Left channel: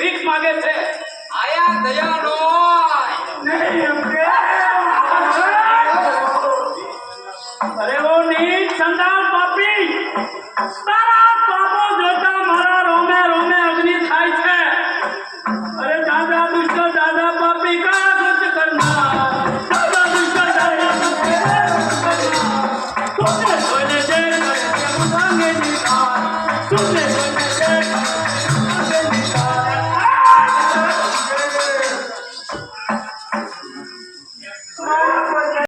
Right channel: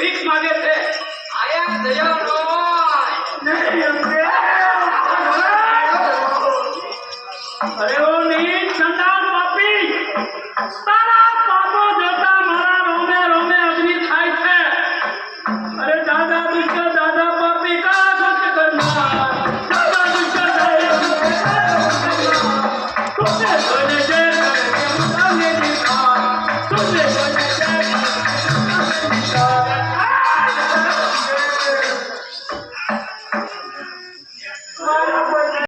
ભીખ માંગે છે આયા દયા અરે ઓ નીચ સંદાસ પાપી, તારા પાપો જોતા મારા રોમે રોમે અગ્નિ થાય છે. અરે દાદા દુષ્ટ